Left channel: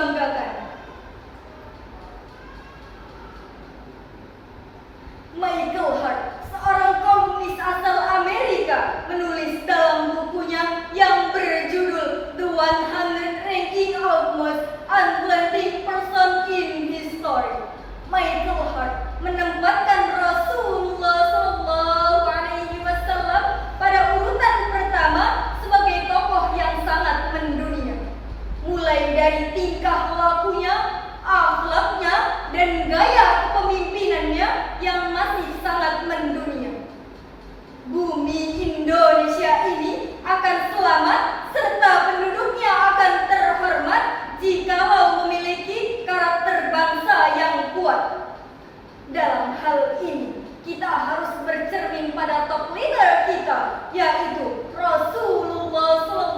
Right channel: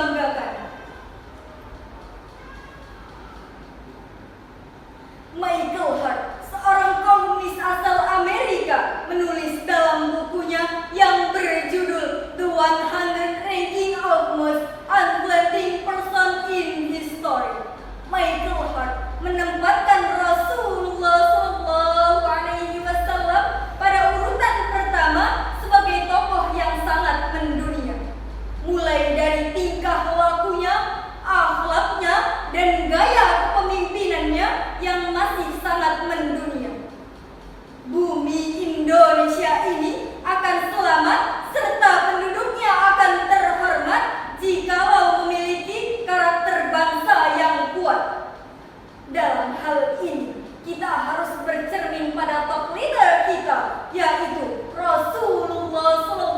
dibanggakan. Michael Hart, seorang kolumnis asal Amerika, menulis dalam bukunya yang berjudul The 100 Ranking of Most Unflattering Person in History. Michael Hart menempatkan Rasulullah SAW pada urutan pertama sebagai tokoh yang sangat mendunia. Mulai dari tingkah lakunya, akhlaknya, dan gaya kepemimpinannya yang masih sangat mendunia. Bumi Indonesia ini akan selamat serta penduduknya akan terhormat jikalau memiliki karakter bangsa yang kuat. Dalam hal ini, kita harus bercermin pada top leader kita, yaitu Rasulullah SAW.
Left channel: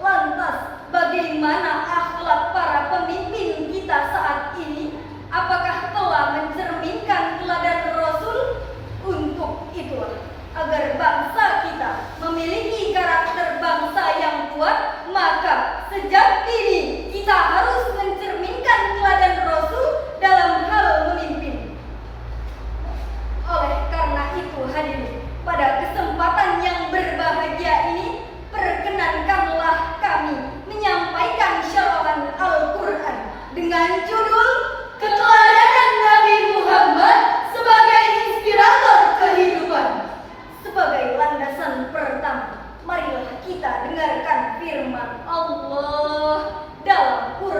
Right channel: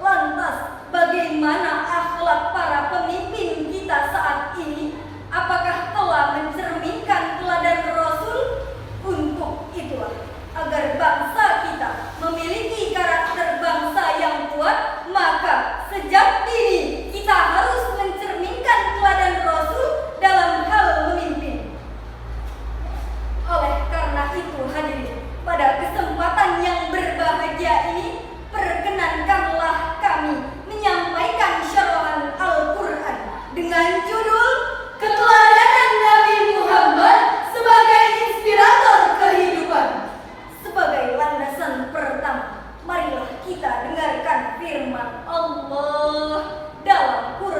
Lantas, bagaimana akhlak para pemimpin kita saat ini? Apakah telah mencerminkan teladan Rasul? Untuk itulah, agar bangsa kita memiliki karakter bangsa yang kuat, maka sejak dini kita harus mencerminkan teladan Rasul dalam hal memimpin. Oleh karena itu hadirin, pada kesempatan yang berbahagia ini, perkenankanlah kami menyampaikan syarahan Al-Quran dengan judul Keteladanan Nabi Muhammad sebagai inspirator kehidupan. Sebagai landasan pertama, marilah kita dengarkan firman Allah dalam Quran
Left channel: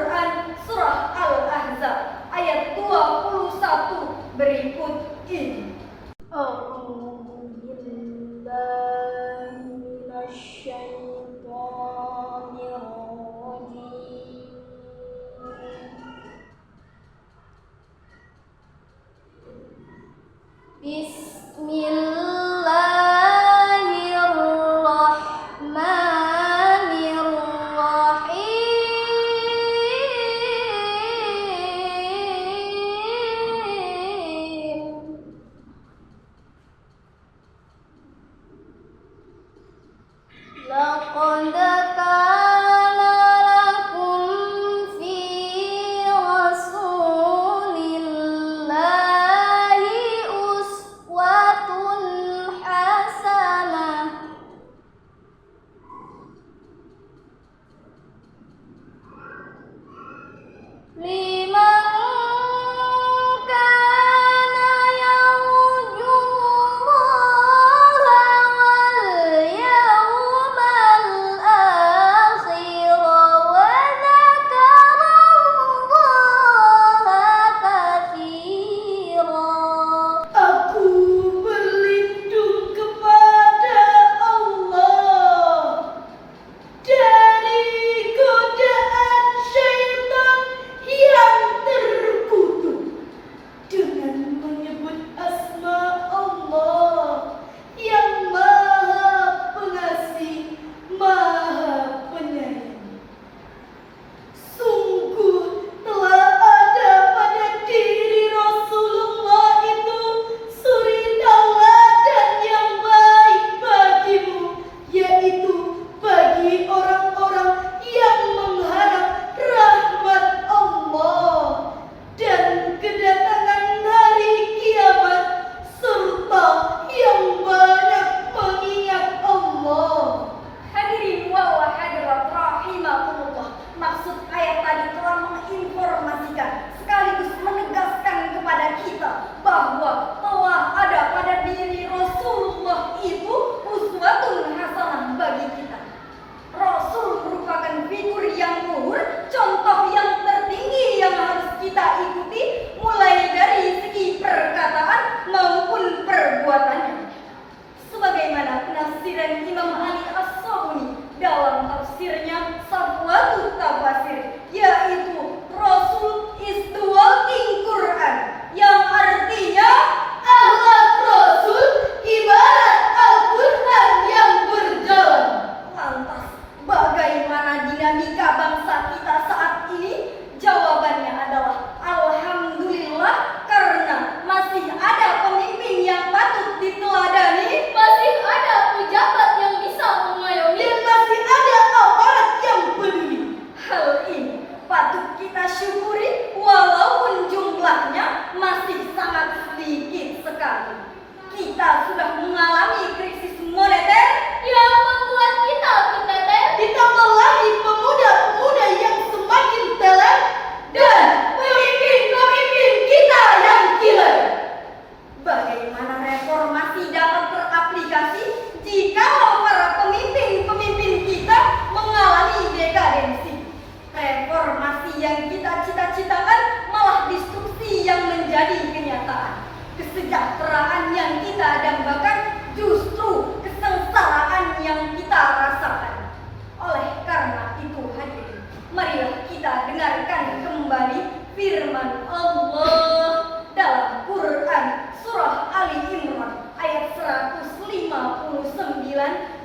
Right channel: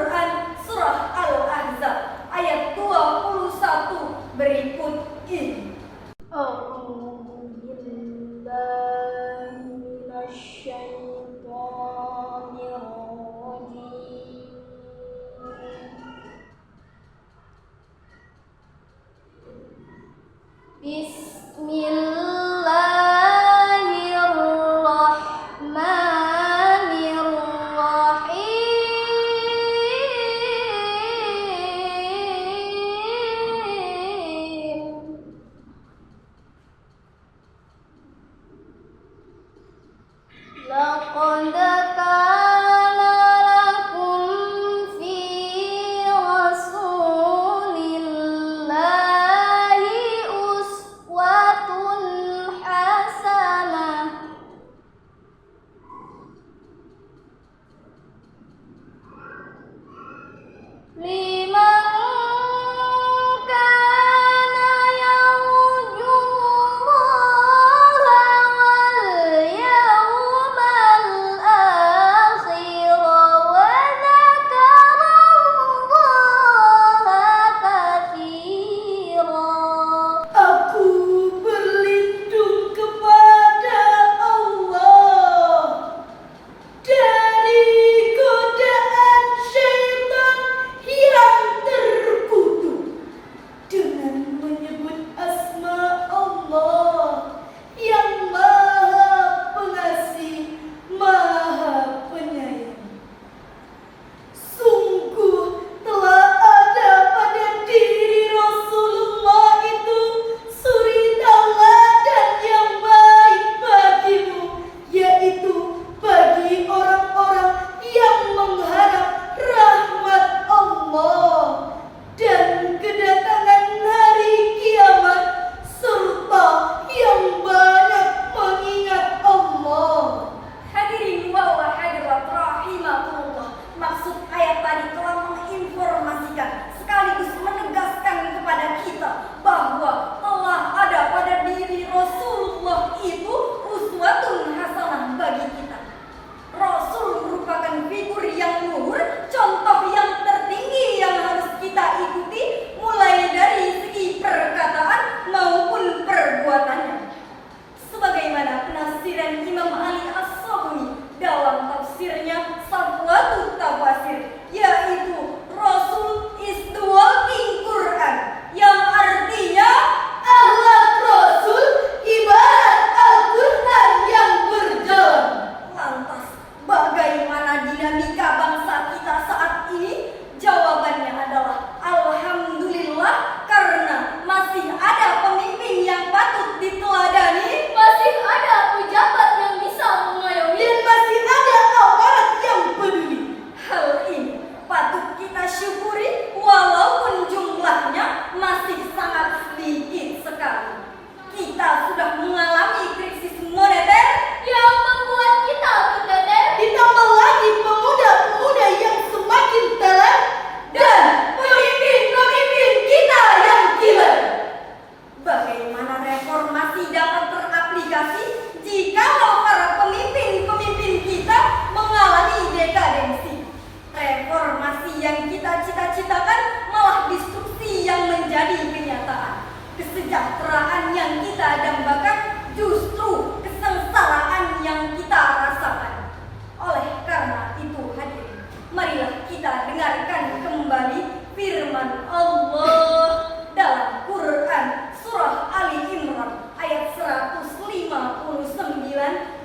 kasih jikalau para pemimpin-pemimpin kita mengalami dekadensi. Reformasi yang kita cita-citakan malah destruksi yang menjadi kenyataan. Kesejahteraan yang kita dambakan justru kesengsaraan yang kita rasakan. Oleh karena itu hadirin, marilah kita dengarkan kembali firman Allah dalam Quran surah Ali Imran ayat 159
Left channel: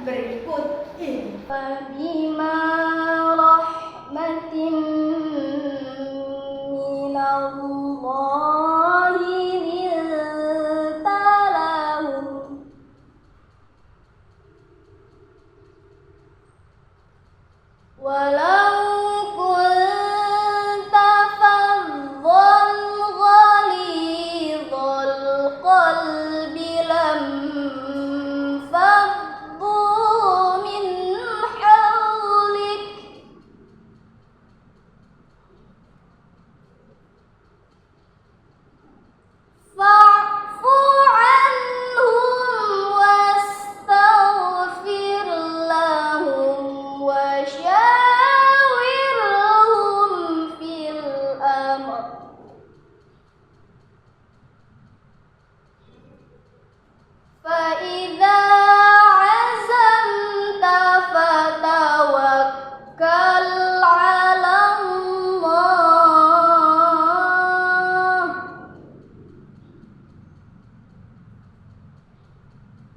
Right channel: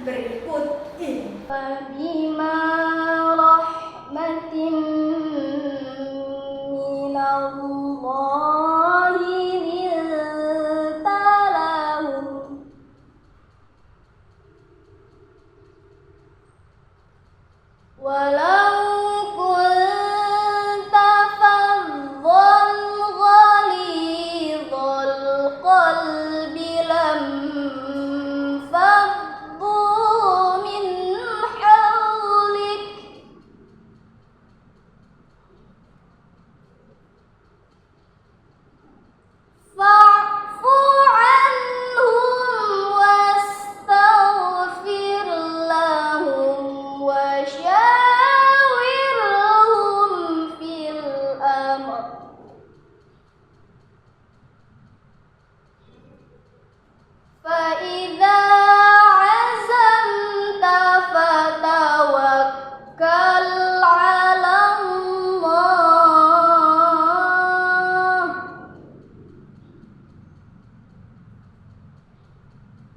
berikut ini. Fabima rahmatin minallahi linta lahum walau kunta faddan ghalidhal qalbi lam faddu min hawlik fa'fu anhum wastaghfir lahum wa syawirhum fil amr فإذا عزمت فتوكل على الله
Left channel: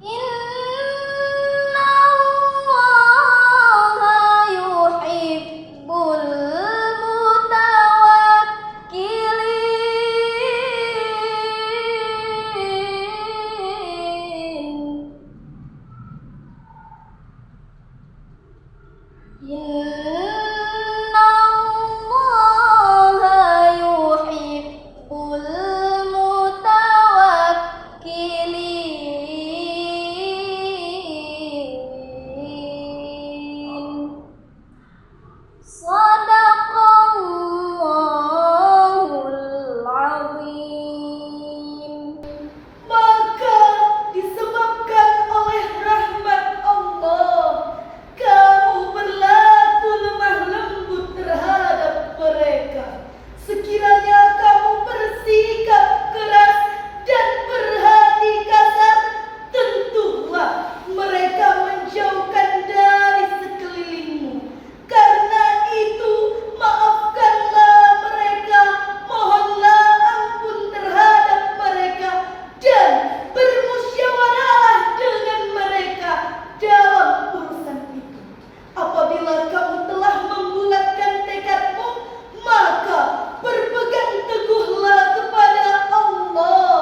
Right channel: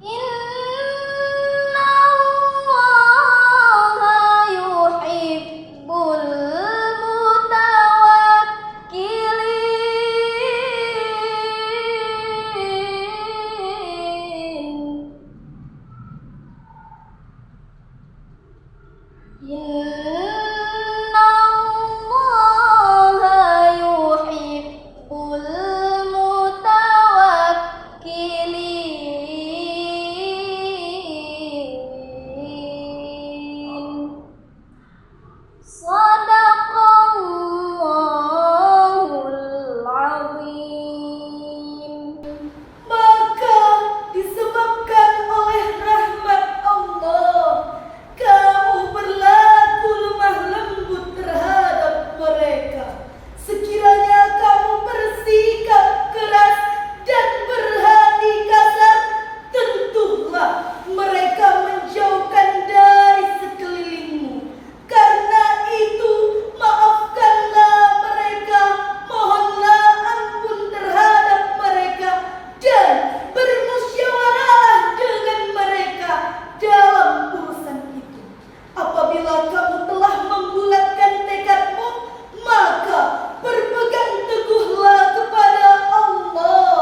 إن الله يحب المتوكلين إن الله يحب المتوكلين Sadaqallahul azim. Maka disebabkan oleh rahmat Allah, kamu berlaku lemah lembut terhadap mereka. Sekiranya kamu bersikap keras dan berhati kasar, tentulah mereka menjauhkan dari sekelilingmu. Karena itu, maafkanlah mereka, mohonlah ampun terhadap mereka, dan bermusyawarahlah dengan mereka dalam urusan itu. Apabila kamu telah membulatkan tekadmu, maka berpegang teguhlah kepada Allah.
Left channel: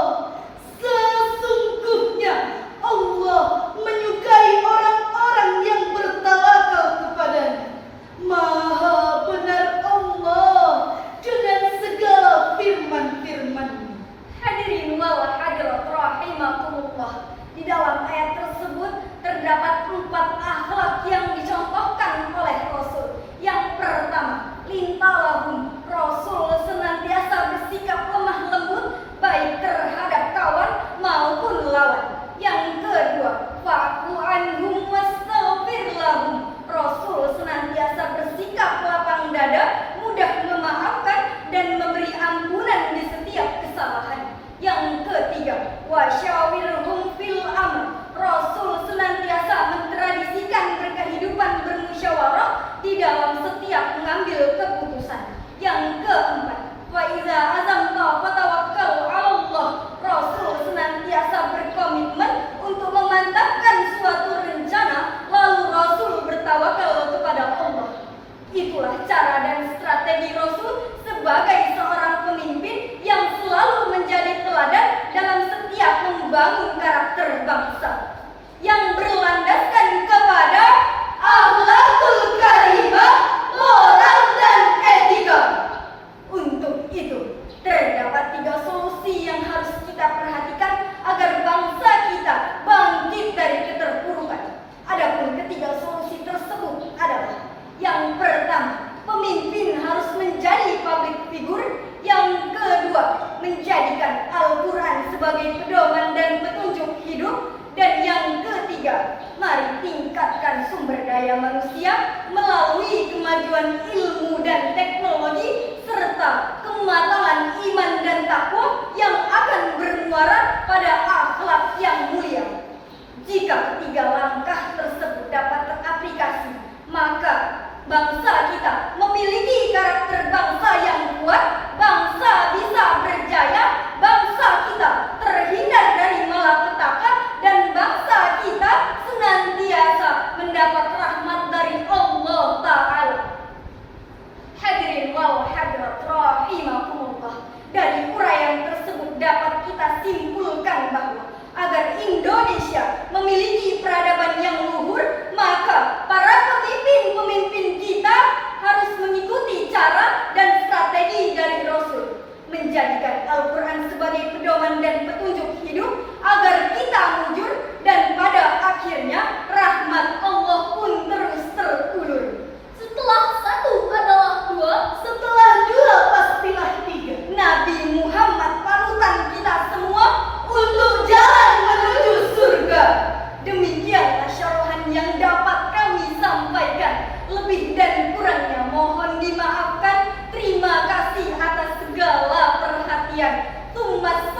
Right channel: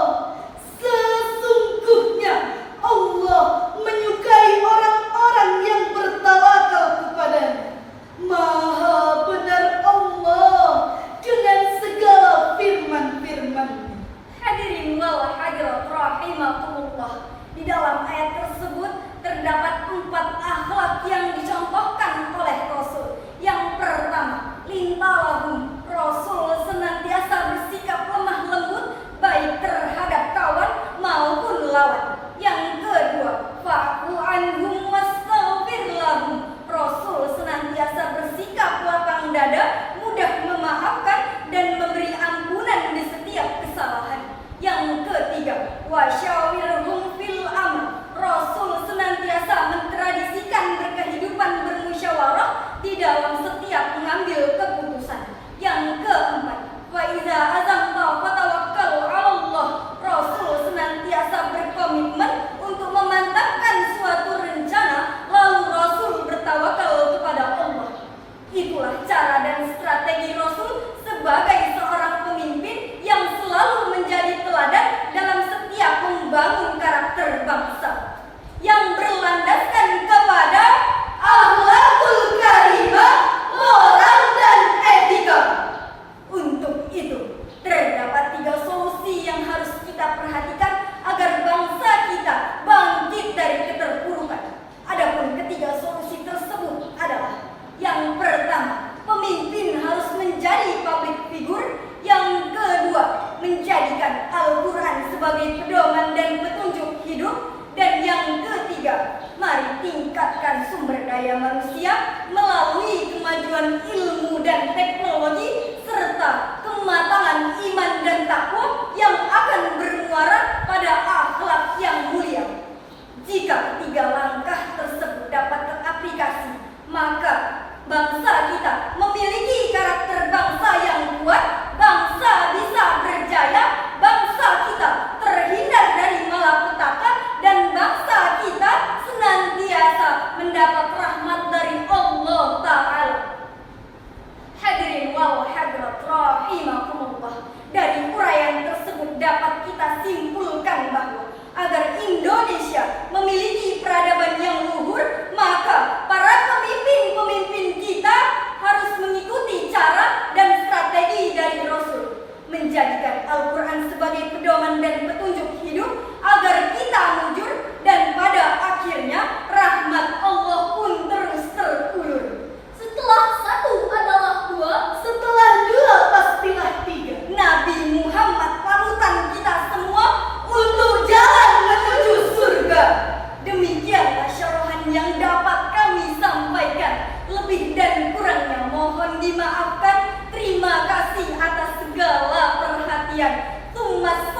Sesungguhnya Allah menyukai orang-orang yang bertawakal kepadanya. Maha benar Allah dengan segala firman-firman-Nya. Hadirin wal hadirat rahimakumullah. Di dalam ayat tersebut terdapat 4 akhlak yang dicontohkan oleh Rasul. Yang pertama, lintalahum. Rasul senantiasa bersikap lemah lembut baik terhadap kawan maupun lawan. Yang kedua, fa'fu anhum wastaghfir lahum. Rasul senantiasa bersikap lapang dada, mudah memaafkan dan memberi ampunan di setiap kesalahan. Yang ketiga, wasyawirhum fil amr. Rasul senantiasa mentradisikan berkehidupan bermusyawarah di dalam setiap mengambil keputusan. Yang keempat, wa iza azamta fatawakkal 'ala Allah. Rasul senantiasa berkomitmen untuk memantapkan suatu rencana, lalu Rasul bertawakal kepada Allah. Itulah cara dan strategi ketiga, mari tingkatkan sumber daya manusia melalui kemajuan ilmu dan teknologi serta kematangan iman dan takwa yang akan bermuara pada akhlak yang mulia. Jika ketiga langkah tersebut dapat teraplikasi, maka bangsa kita memiliki karakter bangsa yang kuat, bangsa bisa berjaya, bangsa kita terhindar dari malapetaka, dan bangsa kita senantiasa mendapat rahmat dari Allah Ta'ala. Hadirin wal hadirat rahimakumullah, dari uraian tersebut dapat kita simpulkan bahwa agar Indonesia memiliki peradaban yang luhur, maka para pemimpin-pemimpin kita harus mengikuti cara dan strategi dari Rasul, menjadikan Al-Quran sebagai pedoman dan petunjuk hidup agar kita mujur, dan pada akhirnya rahmat Allah pun terus terulur. Setelah satu adalah dua, Setelah dua pastilah tiga. Nabi Muhammad panutan kita semua untuk jalan menuju surga. Demikianlah syarahan yang dapat kami sampaikan. Lebih dan kurangnya mohon dimaafkan. Terima kasih atas segala perhatian. Tumas